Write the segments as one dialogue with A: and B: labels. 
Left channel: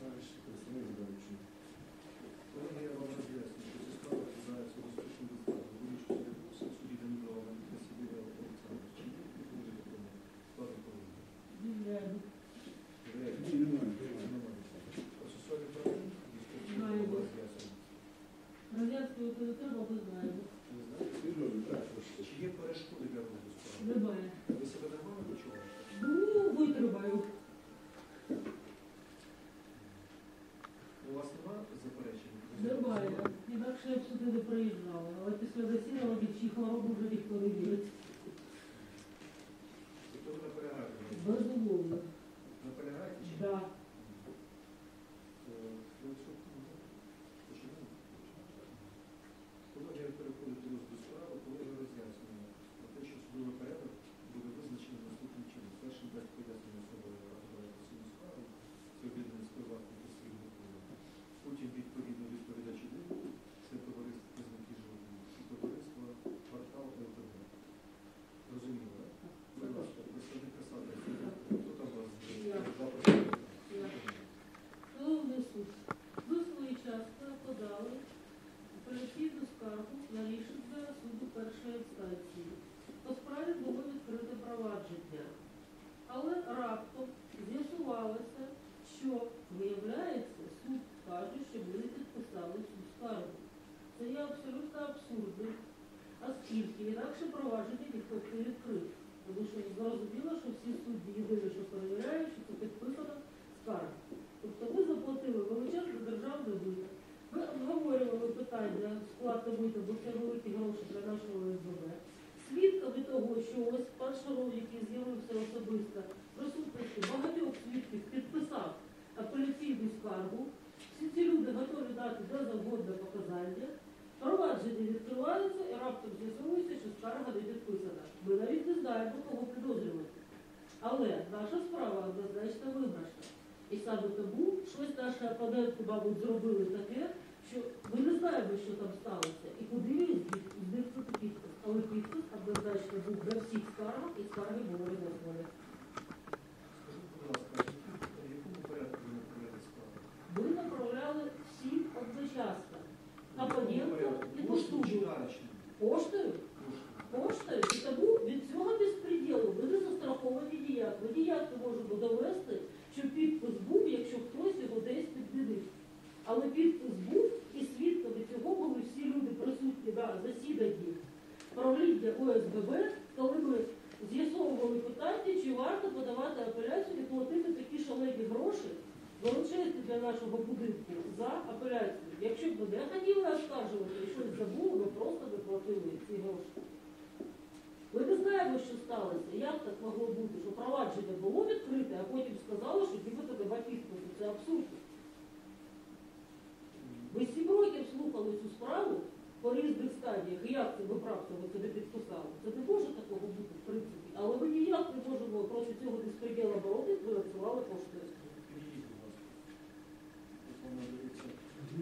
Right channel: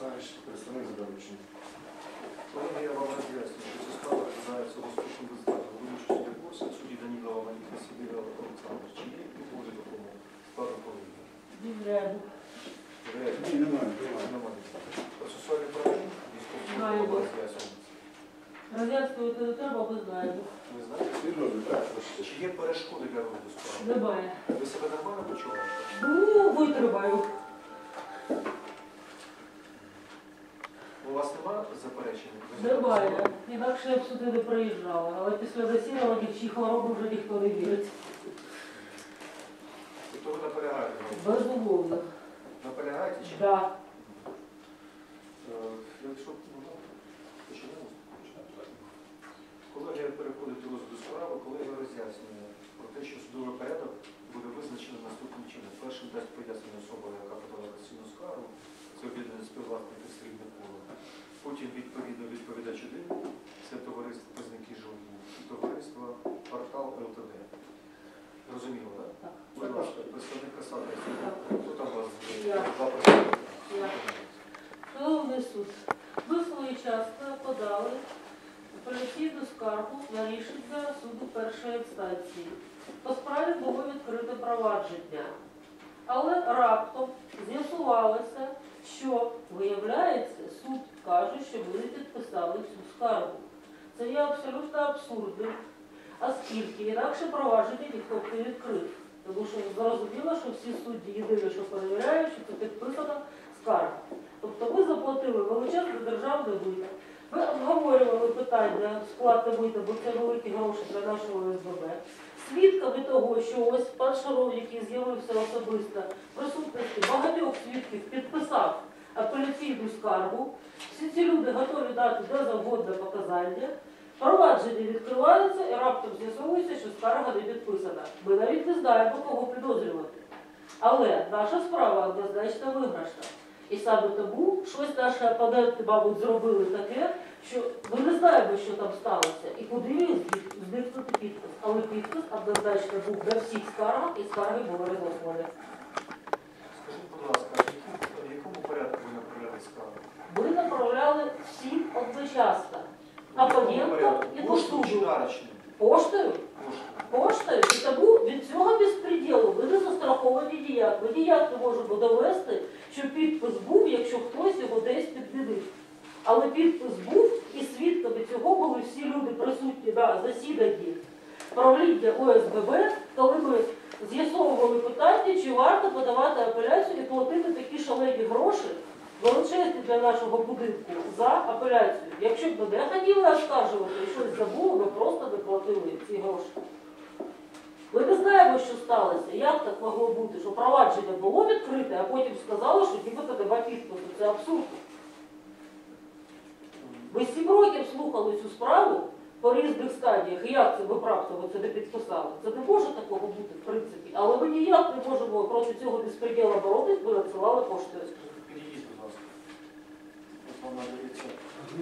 A: представник за доручення.
B: Колеги, я вам роз'ясню, що ця справа доступно безплатно. Вилучу судді курсу, судді Данілова Валерія Сибіра Олександрович. Чи є підходи до кому? Складу колеги.
A: Ні, немає.
B: Немає. Процесуальні права військового роз'яснюється.
C: Роз'яснювати не треба, ви знаєте.
B: Ви знаєте,
A: Серйозно, так, слушайте.
B: чи є перешкоди для розгляду справи?
C: Немає.
B: Ви себе нормально почуваєте?
C: Ну, витримаю.
B: У вас Немає. знаєте,
C: Інакше я б сюди не приїжджала. Але після засідання в чиї хвороби вже ніхто не вірить.
B: Тобто ви наполягаєте?
C: Безумовно.
B: Наполягаєте чи ні?
C: Да.
B: Е, Якщо ну, почнемо. Колегія переходить до розгляду справи, колегія роз'яснює про те, що судовий порядок буде визначений наступним чином. Першим дасть пояснення особа, яка подала касійну скаргу, це об'єднання співвласників срібне коло. Потім відповідно відповідач один, це товариство Пизники Жилбу і товариство Портал ЛТД. Розуміло, так?
C: Так.
B: Будь ласка, представник Касати, хто там у вас?
C: Я.
B: Два представника.
C: Я. Шановний суд, ви своєчасно подали апеляційну скаргу на рішення суду першої інстанції. По справі було відкрите провадження. Але раптом з'ясувалося, що, виявляється, суд каже, що ви підписали цю скаргу. Це є абсолютно абсурдним, оскільки інакше провадження ніхто не відкрив. Тому що зрозуміло, що всі судді єдине, що перевіряють, що це підписана скарга. Тобто ви заплатили величезне державне мито. Ви обговорювали питання сплати мита, бо це великі гроші для нашого СББ. Свідками того, що ось пан Шаров, який з'явився особисто присутності багатьох свідків, підписав апеляційну скаргу. Всі ці люди готові дати де завгодно показання. Провадження відкривається і раптом з'ясовується, що скарга не підписана. Ми навіть не знаємо, кого підозрювати. Але наша справа однозначно виграшна. І саме тому щось наші опоненти, мабуть, зробили таке, що ми не знаємо, що там сталося і куди зникнути підпис. Але підпис однозначно був на всіх скаргах і скарги були розослані.
B: Скажіть, будь ласка, в якому- порядку ви направляли скаргу?
C: Ви направляли всім одночасно.
B: А якому
C: і?
B: Поштою.
C: Поштою.
B: Поштою.
C: І тому від цього безпреділу ви не застраховані ніяк. Ми ніяк не можемо довести, що підпис був, якщо хтось його десь підмінив. Але підпис був, і свідками цього були всі люди присутні на засіданні правління ОСББ, коли ми з'ясовували питання, чи варто подавати апеляцію і платити такі шалені гроші, величезні для нашого будинку, за апеляцію. Якщо б ми не хотіли оскаржувати і щось забули, ми просто не платили ці гроші. Ми не знаємо, що сталося. Як так могло бути, що провадження було відкрите, а потім сказали, що нібито нема підпису. Це абсурд. Ми сім років слухали цю справу по різних стадіях. І як це ви раптом це не підписали? Це не може такого бути, в принципі. Але ми ніяк не можемо проти цього безпреділа боротись, ми надсилали поштою.
B: Підійдіть, будь ласка. Ось вам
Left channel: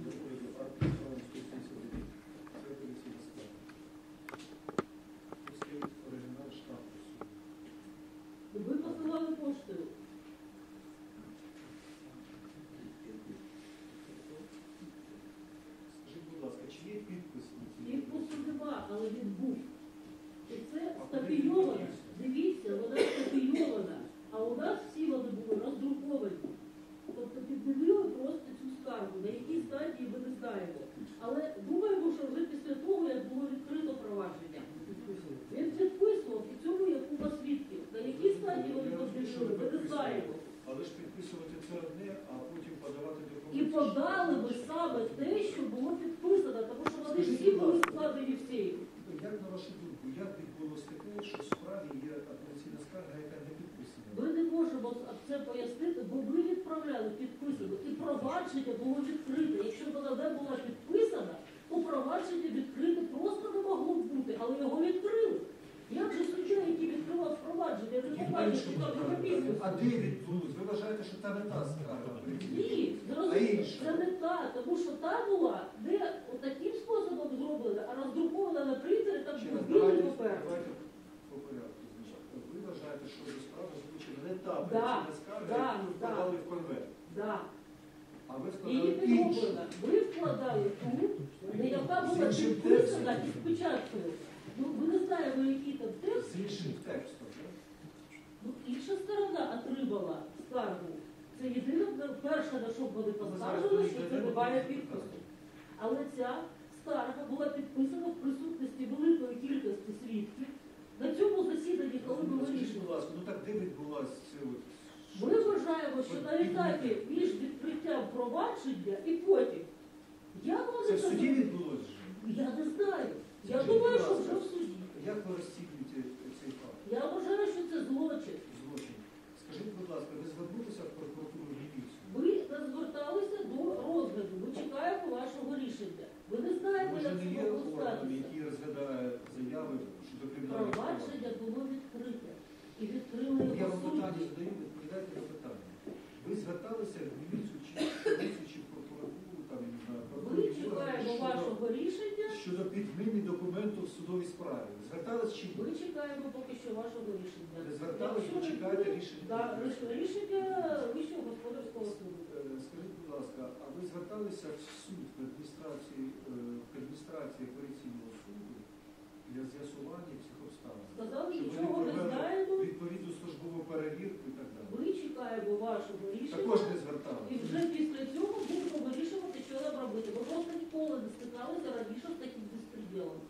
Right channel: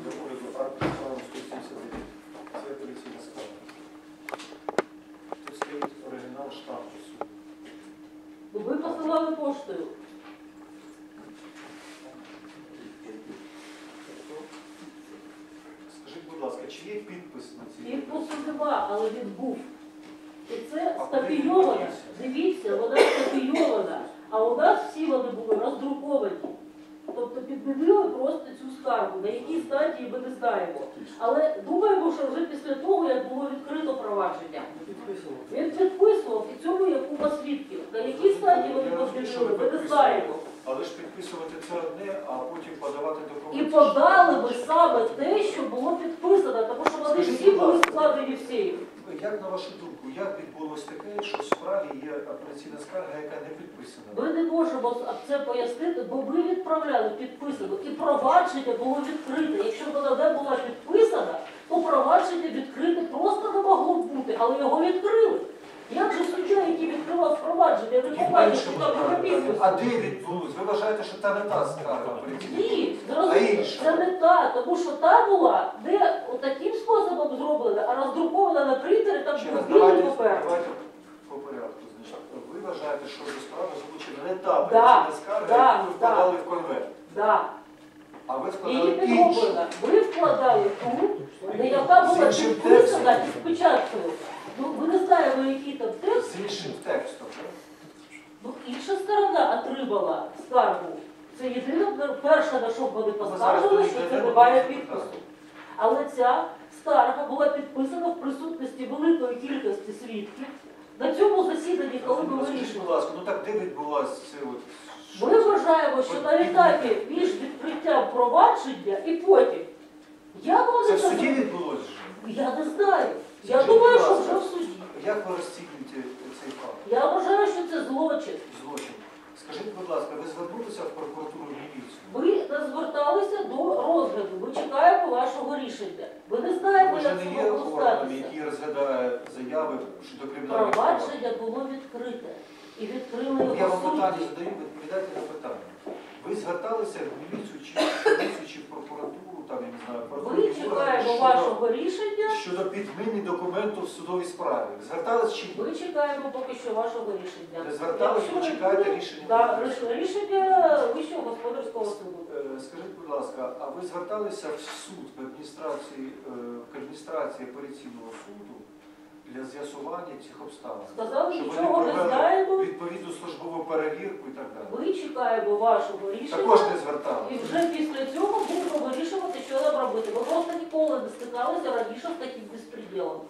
B: до уряду акт 179. Це апеляційна скарга. Тут стоїть оригінал штампу суду.
C: Ну, Ви посилали поштою.
B: Скажіть, є підпис на цій?
C: Підпису нема, але він був. І це
B: А куди він
C: скопійовано.
B: подівся?
C: Дивіться, вона скопійована. А у нас всі вони були роздруковані. Тобто підмінили просто цю скаргу, на якій стадії ми не знаємо. Але думаємо, що вже після того, як було відкрито провадження, він підписував і цьому є купа свідків. На якій стадії вони
B: Я розумію, що ви
C: ми не
B: підписували.
C: знаємо.
B: Але ж підписувати це одне, а потім подавати
C: І
B: документи.
C: подали ми саме те, що було підписано, тому що вони
B: Скажіть,
C: всі
B: будь
C: були
B: ласка.
C: складені в сейф.
B: Як на вашу думку, як відбулося таке, що в справі є апеляційна скарга, яка не підписана?
C: Ми не можемо це пояснити, бо ми відправляли підписану, і провадження було відкрите. Якщо вона не була підписана, то провадження відкрите просто не могло бути, але його відкрили. Як же суддя, який відкривав провадження, не
B: І
C: побачив, що там його
B: А де відбулось? Ви вважаєте, що та не та скарга апеляційна?
C: Ні, зрозуміло, це не та, тому що та була не таким способом зроблена, а роздрукована на принтері, там
B: Ще
C: був білий
B: давайте,
C: папер.
B: давайте по порядку. Значить, ви вважаєте, що до справи залучена не та скарга,
C: да,
B: яку ви
C: да.
B: подали в конверт?
C: Да.
B: А ви
C: Її
B: складали іншу.
C: підроблена. Ви вкладали ту, де яка була
B: З іншим
C: підписана
B: текстом.
C: і з печаткою. Ну, ви не знаємо, який там текст.
B: З іншим текстом.
C: Ну, інша сторона отримала скаргу. Це єдине, перше, на що вони поскаржили, що це немає підпису. Але ця скарга була підписана в присутності великої кількості свідків. На цьому засіданні, коли ми вирішили.
B: будь ласка, ну так де це от?
C: Ми вважаємо, що на етапі між відкриттям провадження і потім. Як вони
B: Це в суді відбулося?
C: Я не знаю. Я
B: Скажіть,
C: думаю,
B: будь
C: що
B: ласка,
C: вже в суді.
B: Як ви розцінюєте цей факт?
C: Я вважаю, що це злочин.
B: Злочин. Скажіть, будь ласка, ви звернулися в прокуратуру в міліцію?
C: Ви не зверталися до розгляду. Ми чекаємо вашого рішення. Ви не знаєте,
B: Ви ж
C: як
B: не
C: цього
B: є органом,
C: користатися.
B: який розглядає заяви щодо кримінальних прав.
C: Провадження було відкрите. І відкрили
B: Я
C: його
B: вам питання
C: судді.
B: задаю, ви відповідайте на питання. Ви зверталися в міліцію чи в міліцію, чи в прокуратуру, там, я не знаю,
C: Ми
B: правоохоронні
C: чекаємо
B: щодо-
C: вашого рішення.
B: щодо підміни документу в судовій справі. Звертались чи ні?
C: Ми чекаємо поки що вашого рішення.
B: Ви звертались, ви
C: Якщо не
B: чекаєте рішення?
C: Да, ріш- рішення Вищого господарського суду.
B: Е, Скажіть, будь ласка, а ви зверталися в суд в адміністрації, е, адміністрації апеляційного суду для з'ясування цих обставин?
C: Сказали,
B: Щоб вони
C: нічого не
B: провели
C: знаємо.
B: Відповідну службову перевірку і так далі.
C: Ми чекаємо вашого рішення.
B: Також не
C: І вже після цього будемо вирішувати, що нам робити. Ми просто ніколи не стикалися раніше з таким безпреділом.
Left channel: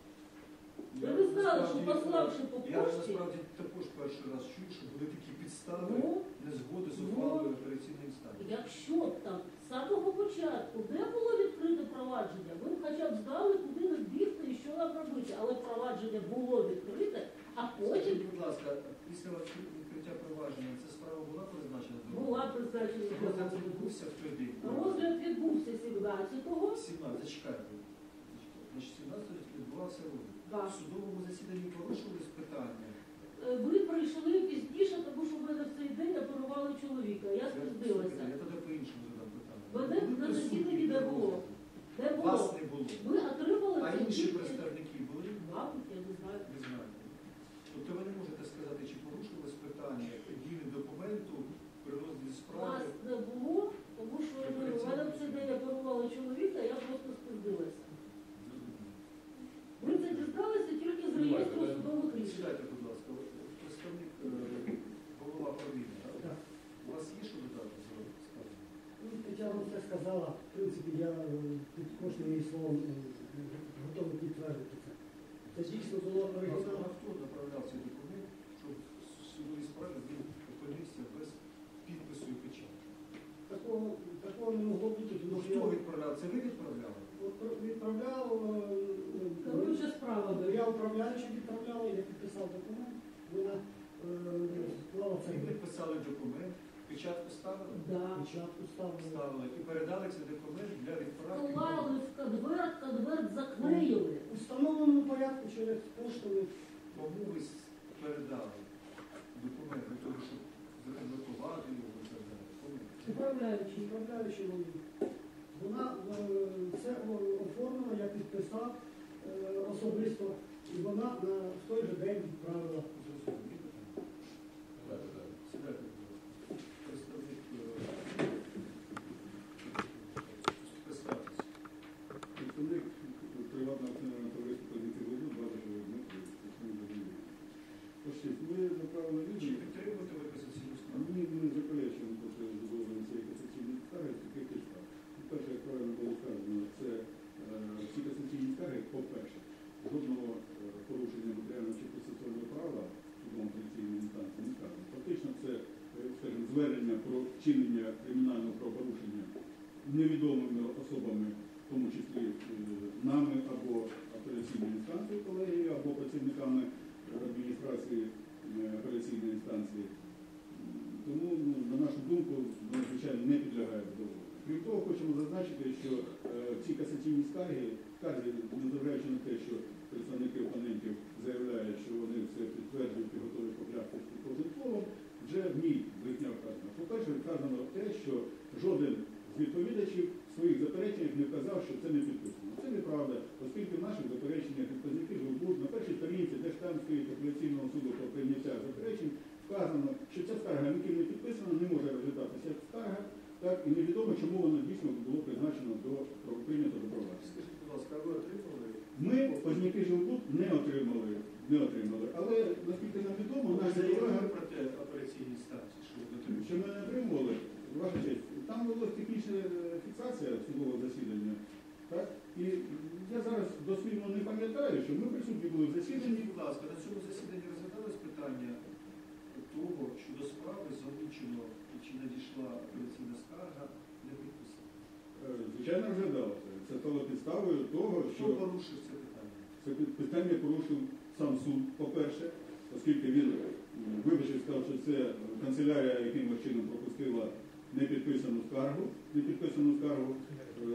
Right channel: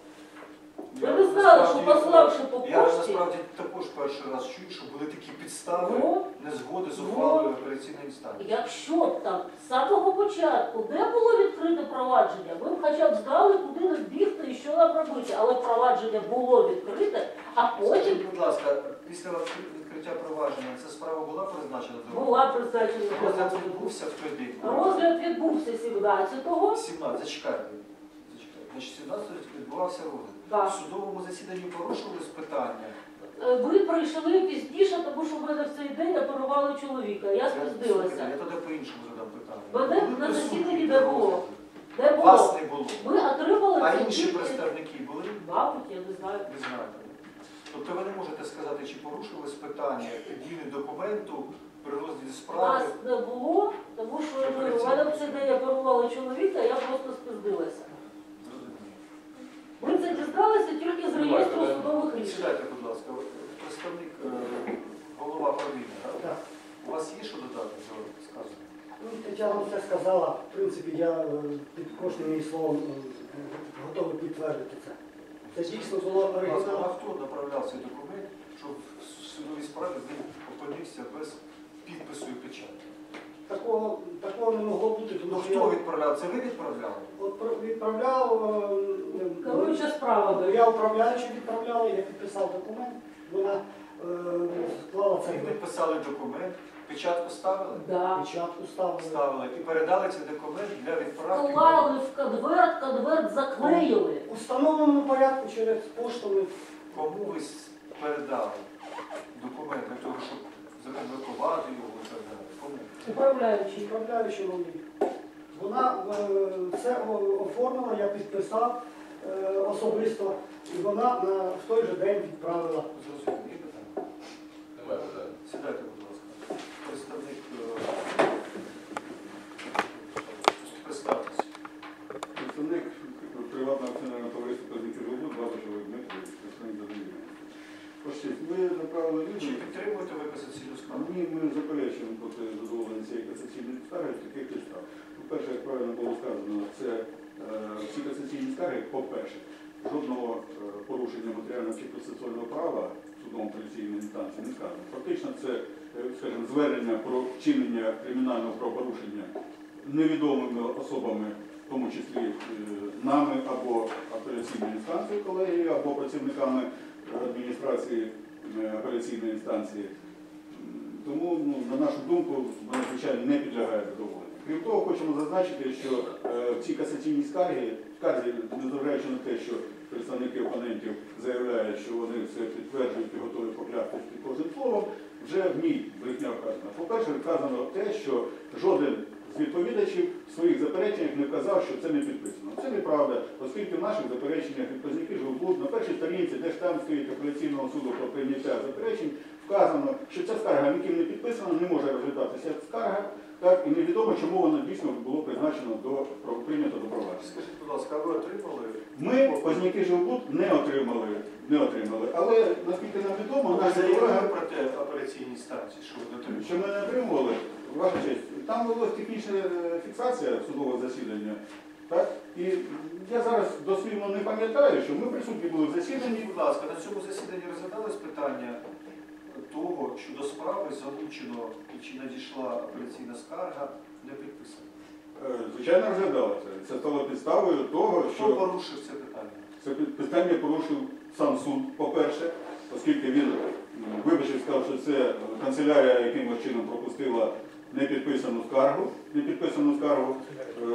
C: Ви не знали, що
B: насправді-
C: пославши по
B: Я
C: пошті,
B: насправді також перший раз чую, що були такі підстави
C: ну,
B: незгоди з
C: Ну,
B: ухвалою апеляційної інстанції.
C: якщо б там з самого початку не було відкрите провадження, ми б хоча б знали, куди нам бігти і що нам робити. Але провадження було відкрите, а потім
B: Скажіть, будь ласка, після відкриття провадження ця справа була призначена до
C: була призначена
B: розгляд відбувся в той день.
C: Розгляд відбувся 17-го.
B: 17, зачекайте. Зачекайте. Значить, 17 відбувався розгляд.
C: Да.
B: В судовому засіданні порушувались питання.
C: Е, Ви прийшли пізніше, тому що в мене в цей день оперували чоловіка. Я
B: Слухайте,
C: спіздилася.
B: Я тоді по-іншому задам питання.
C: Мене
B: Були
C: на
B: присутні
C: засіданні
B: при
C: не було.
B: розгляді?
C: Де було?
B: Вас не було.
C: Ми отримали
B: А
C: це
B: інші
C: тільки-
B: представники були?
C: Мабуть, я не знаю.
B: Ви знаєте. Тобто ви не можете сказати, чи порушилось питання підміни документу при розгляді справи.
C: Нас не було, тому що я говорю, в мене в цей день оперували чоловіка, я просто спіздилася.
B: Зрозуміло.
C: Ми це дізналися тільки з реєстру судових рішень.
B: Сідайте, будь ласка. Представник е, голова правління, так?
D: Так.
B: У вас є що додати до сказаного?
D: Ну, Тетяна все сказала. В принципі, я е, під кожним її словом е, готовий підтвердити це. Це дійсно було
B: Будь а хто направляв цей документ, що в судовій справі він опинився без підпису і печаті?
D: Такого, такого не могло бути,
B: Ну
D: тому що
B: хто
D: я
B: відправляв? Це ви відправляли?
D: от про- відправляв. е, е,
C: Керуюча справами.
D: Я управляючи відправляла, я підписав документ, вона е, склала цей
B: Ви підписали документ, печатку ставили?
C: Да.
D: печатку, ставила.
B: Ставили і передали цей документ для відправки.
C: Клали в конверт, конверт заклеїли.
D: У встановленому порядку через пошту ми
B: Кому ви передали документ для того, щоб законвертувати його і так далі? Кому?
C: Управляючий.
D: Відправляючи мені. Вона е, це оформила, я підписав е, особисто, і вона на, в той же день відправила.
B: Зрозуміло, є питання?
E: Немає питань.
B: Сідайте, будь ласка. Представник. е, Представтесь.
A: Представник приватного акціонерного товариства «Казники Жолуд», Бабачевий Дмитро, представник задовільний. Ви направили
B: Чи підтримуєте ви касаційну скаргу?
A: Ні, ми не заперечуємо проти задоволення цієї касаційної скарги з таких підстав. По-перше, як правильно було сказано, це е, всі касаційні скарги, по-перше, жодного е, порушення матеріального чи процесуального права судом апеляційної інстанції не сказано. Фактично це, е, скажімо, звернення про вчинення кримінального правопорушення невідомими особами, в тому числі е, нами або апеляційною інстанцією колегії, або працівниками адміністрації е, апеляційної інстанції. Тому, ну, на нашу думку, вона, звичайно, не підлягає задоволенню. Крім того, хочемо зазначити, що е, ці касаційні скарги, скарги, незважаючи на те, що представники опонентів заявляють, що вони все підтверджують і готові поклястись під словом, вже в ній брехня вказана. По-перше, вказано те, що жоден з відповідачів в своїх запереченнях не вказав, що це не підписано. Це неправда, оскільки в наших запереченнях відповідники Жолбуд на першій сторінці, де ж там стоїть апеляційного суду про прийняття заперечень, вказано, що ця скарга ніким не підписана, не може розглядатися скарга, так, і невідомо, чому воно дійсно було призначено до прийнято до провадження.
B: Скажіть, будь ласка, ви отримали?
A: Ми позняки жилбуд не отримали, не отримали. Але наскільки нам відомо, наші колеги,
B: про те апеляційній станції, що ви дотримали?
A: що ми не отримували, ваша честь, там була технічна е, фіксація судового засідання. Так? І я зараз дослівно не пам'ятаю, що ми присутні були в засіданні.
B: Будь ласка, на цьому засіданні розглядалось питання того, що до справи залучено і чи надійшла апеляційна скарга, не підписана.
A: Е, Звичайно, розглядалося. Це стало підставою того, що...
B: Хто порушив це питання?
A: це питання порушив сам суд, по-перше, оскільки він вибачив, сказав, що це канцелярія якимось чином пропустила непідписану скаргу, непідписану скаргу. Е,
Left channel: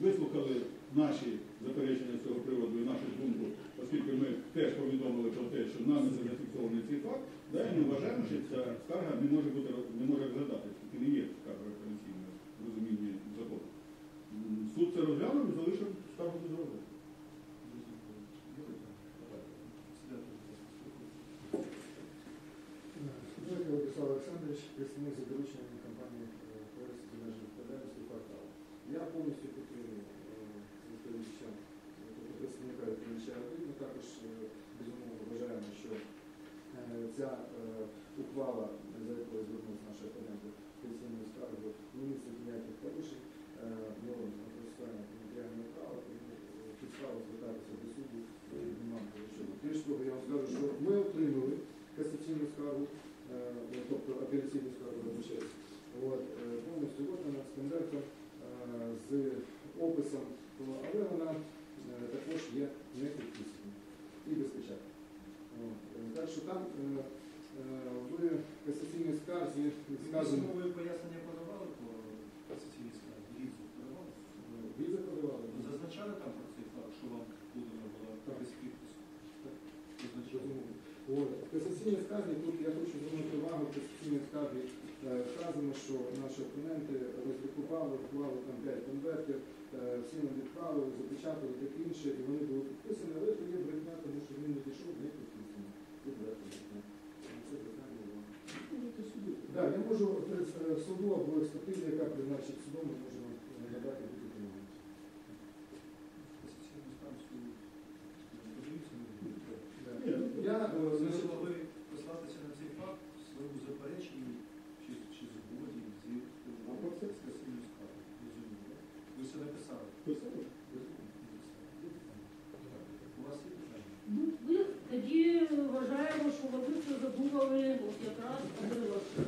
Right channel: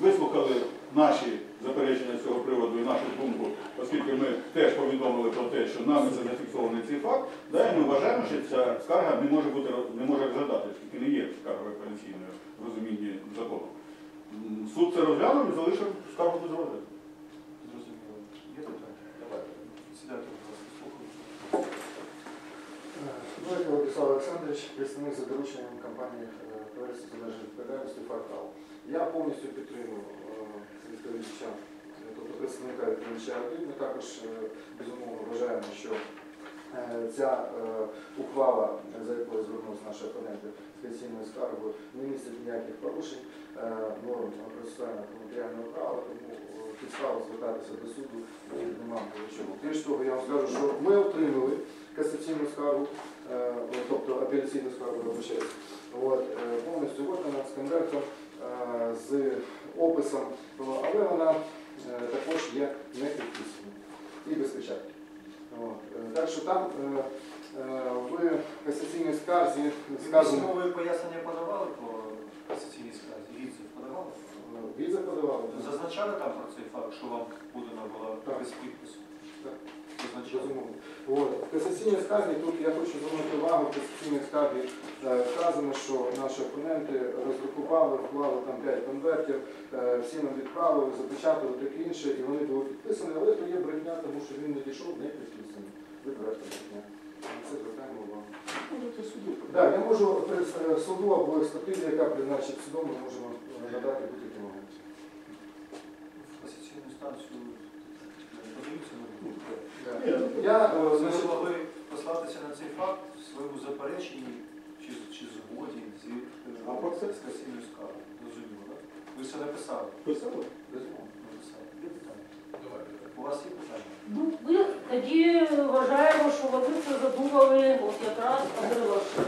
A: Вислухали наші заперечення з цього приводу і нашу думку, оскільки ми теж повідомили про те, що нами це зафіксований цей факт, да, і ми вважаємо, що ця скарга не може бути не може розглядати, оскільки не є скаргою апеляційною в розумінні закону. М, Суд це розглянув і залишив скаргу без розгляду.
B: Зрозуміло. Є питання? Давайте. Сідайте, будь ласка, слухаю.
E: Новик Владислав Олександрович, представник за дорученням компанії е, товариства з обмеженою відповідальністю Я повністю підтримую е, відповідача, е, тобто представника відповідача. Ми також безумовно вважаємо, що ця ухвала, за якою звернулися наші опоненти з пенсійною скаргою, не містить ніяких порушень норм процесуального матеріального права, тому підстава звертатися до суду немає до чого. Більш того, я вам скажу, що ми отримали касаційну скаргу, тобто апеляційну скаргу вибачаюсь, е, повністю виконана з конвертом, е, з описом, але вона е, також є не підписана і без печатки. Е, Так що там е, е, в касаційній скарзі сказано,
B: Письмове пояснення подавали по касаційній скарзі? Відзив подавали?
E: е, відзив подавали.
B: Зазначали там про цей факт, що вам подана була без підпису?
E: Так.
B: Зазначали.
E: Безумовно. От. В касаційній скарзі тут я хочу звернути увагу, в касаційній скарзі е, вказано, що наші опоненти роздрукували, вклали там 5 конвертів, е, всі нам відправили, запечатали таке інше, і вони були підписані, але то є брехня, тому що він не дійшов, не підписаний. Відверта брехня. Це звертаємо увагу. Так, я можу е, суду або експертизі, яка призначить судом, ми можемо надати будь-які моменти.
B: В касаційну станцію не подаються на думку.
A: Ні, ну,
E: Я, е,
B: Ви
E: значить,
B: могли послатися на цей факт в своєму запереченні чи, чи згоді з, е,
A: А це?
B: скаргою. Зрозуміло, так? Ви все написали?
A: Писали?
B: Безумовно, написали. Є питання? У вас є питання?
C: Ну, ми тоді вважаємо, що вони це задумали от якраз отримавши.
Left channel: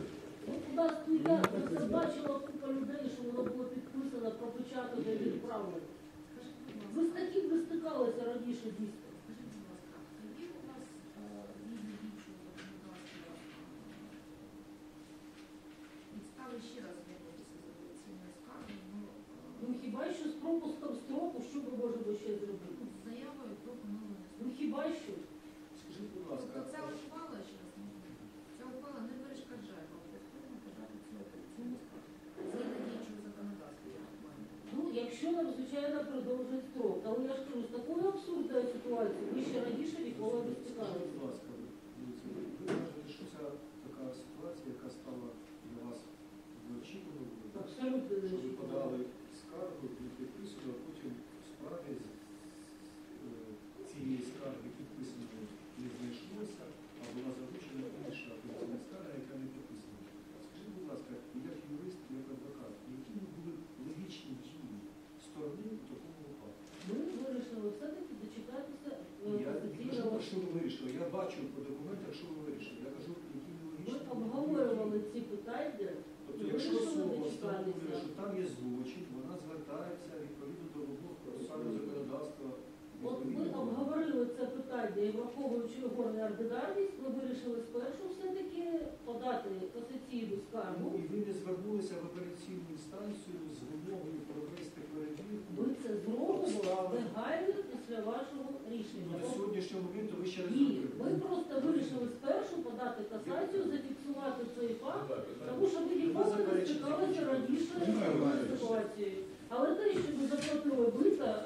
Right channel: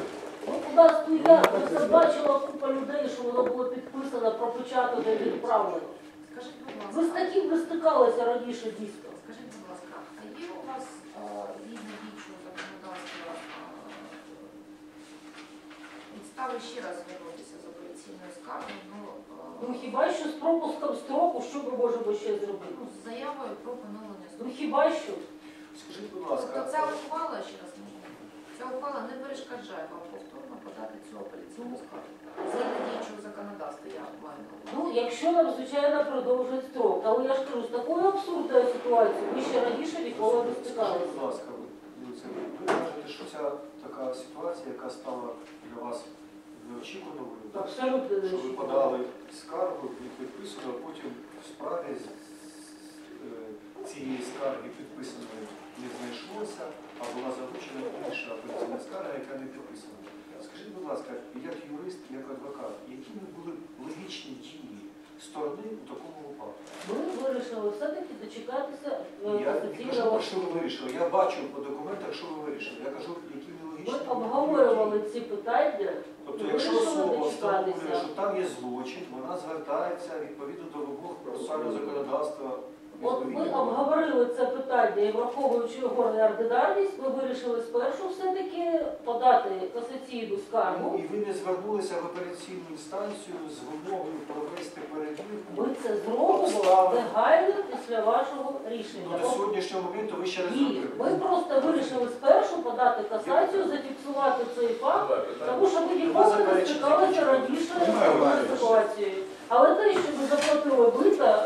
C: Ну, у нас тут я просто бачила купа людей, що воно було підписано, пропечатано і відправлено.
F: Скажіть, будь
C: Ви з таким не стикалися раніше дійсно.
F: скажіть, будь ласка, а є у вас е, згідно діючого законодавства е, підстави ще раз звернутися з апеляційною скаргою, ну, е,
C: Ну хіба що з пропуском строку, що ми можемо ще зробити?
F: ну, з заявою про поновлення
C: Ну
F: строку.
C: хіба що?
B: Скажіть, будь
F: Тобто
B: ласка,
F: ця ухвала, ще раз можна, ця ухвала не перешкоджає вам повторно подати цю апеляційну скаргу. Згідно діючого законодавства, я маю на увазі.
C: Ну, якщо нам, звичайно, продовжують строк. Але я ж кажу, з такою абсурдною ситуацією ми ще раніше ніколи не
B: Скажіть, будь ласка, ви кажете, що ця така ситуація, яка стала для вас
C: не
B: що ви подали скаргу, не підписано, а потім в справі е, цієї скарги підписаної не знайшлося, а була залучена інша апеляційна скарга, яка не підписана. Скажіть, будь ласка, як юрист, як адвокат, якими були логічні дії сторони у такому випадку?
C: Ми вирішили все-таки дочекатися е,
B: Я не кажу, що ви вирішили. Я бачу по документах, що ви вирішили. Я кажу, які
C: Ми обговорювали ці питання.
B: Тобто, якщо особа встановлює, що там є злочин, вона звертається відповідно до вимог процесуального законодавства.
C: От ми обговорили це питання і враховуючи його неординарність, ми вирішили спершу все-таки подати касаційну
B: Ну,
C: скаргу.
B: І ви не звернулися в апеляційну інстанцію з вимогою провести перевірку.
C: Ми це зробимо негайно після вашого
B: Ну,
C: рішення.
B: до сьогоднішнього моменту ви ще не
C: Ні,
B: зробили.
C: ми просто вирішили спершу подати стикалися раніше з. Але те, що ми заплатили близько,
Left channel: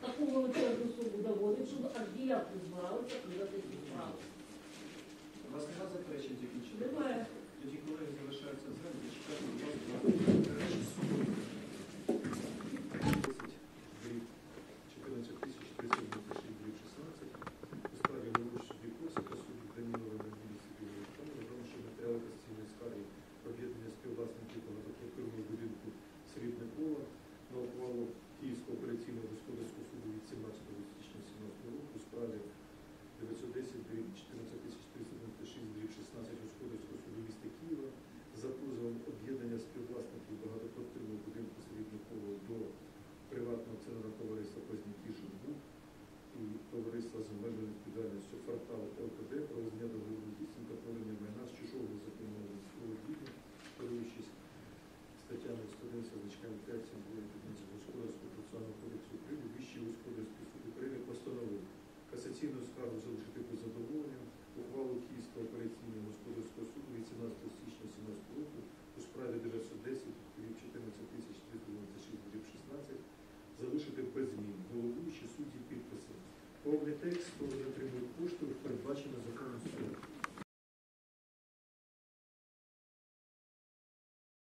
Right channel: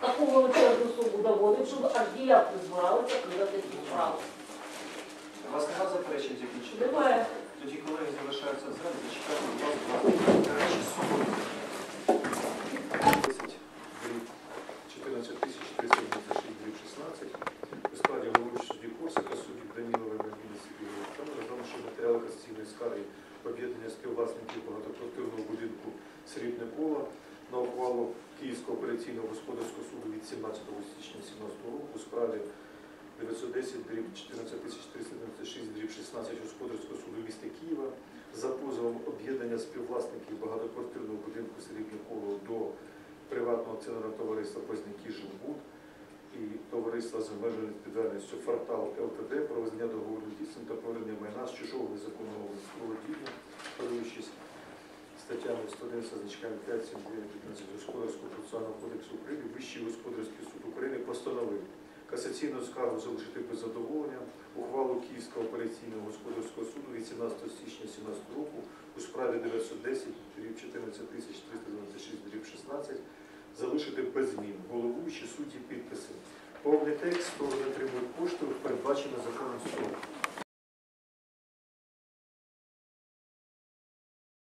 C: таку величезну суму доводить, щоб архіяк не збирали закривати цю справу.
B: У вас нема заперечень закінчити?
C: Немає.
B: Тоді колеги залишаються в залі, зачекайте, будь ласка, речі суботи. 14 тисяч 396 гривень 16 у складі головуючого судді Корсака судді Данілова Мельміна Сергія Олександра, тому що матеріали касаційної скарги об'єднання співвласників багатоквартирного будинку Срібне коло на ухвалу Київського операційного господарського суду від 17 січня 2017 року у справі 910 дріб 14396 дріб 16 господарського суду міста Києва за позовом об'єднання співвласників багатоквартирного будинку Срібне коло до приватного акціонерного товариства Познякій Живбуд і товариства з обмеженою відповідальністю Фартал ЛТД про визнання договору дійсним та повернення майна з чужого незаконного володіння 359 Господарського процесуального кодексу України Вищий господарський суд України постановив касаційну скаргу залишити без задоволення ухвалу Київського операційного господарського суду 18 січня 2017 року у справі 910 14396 16 залишити без змін Голову головуючі судді підписи. Повний текст, хто не отримує кошти, передбачено законом суду.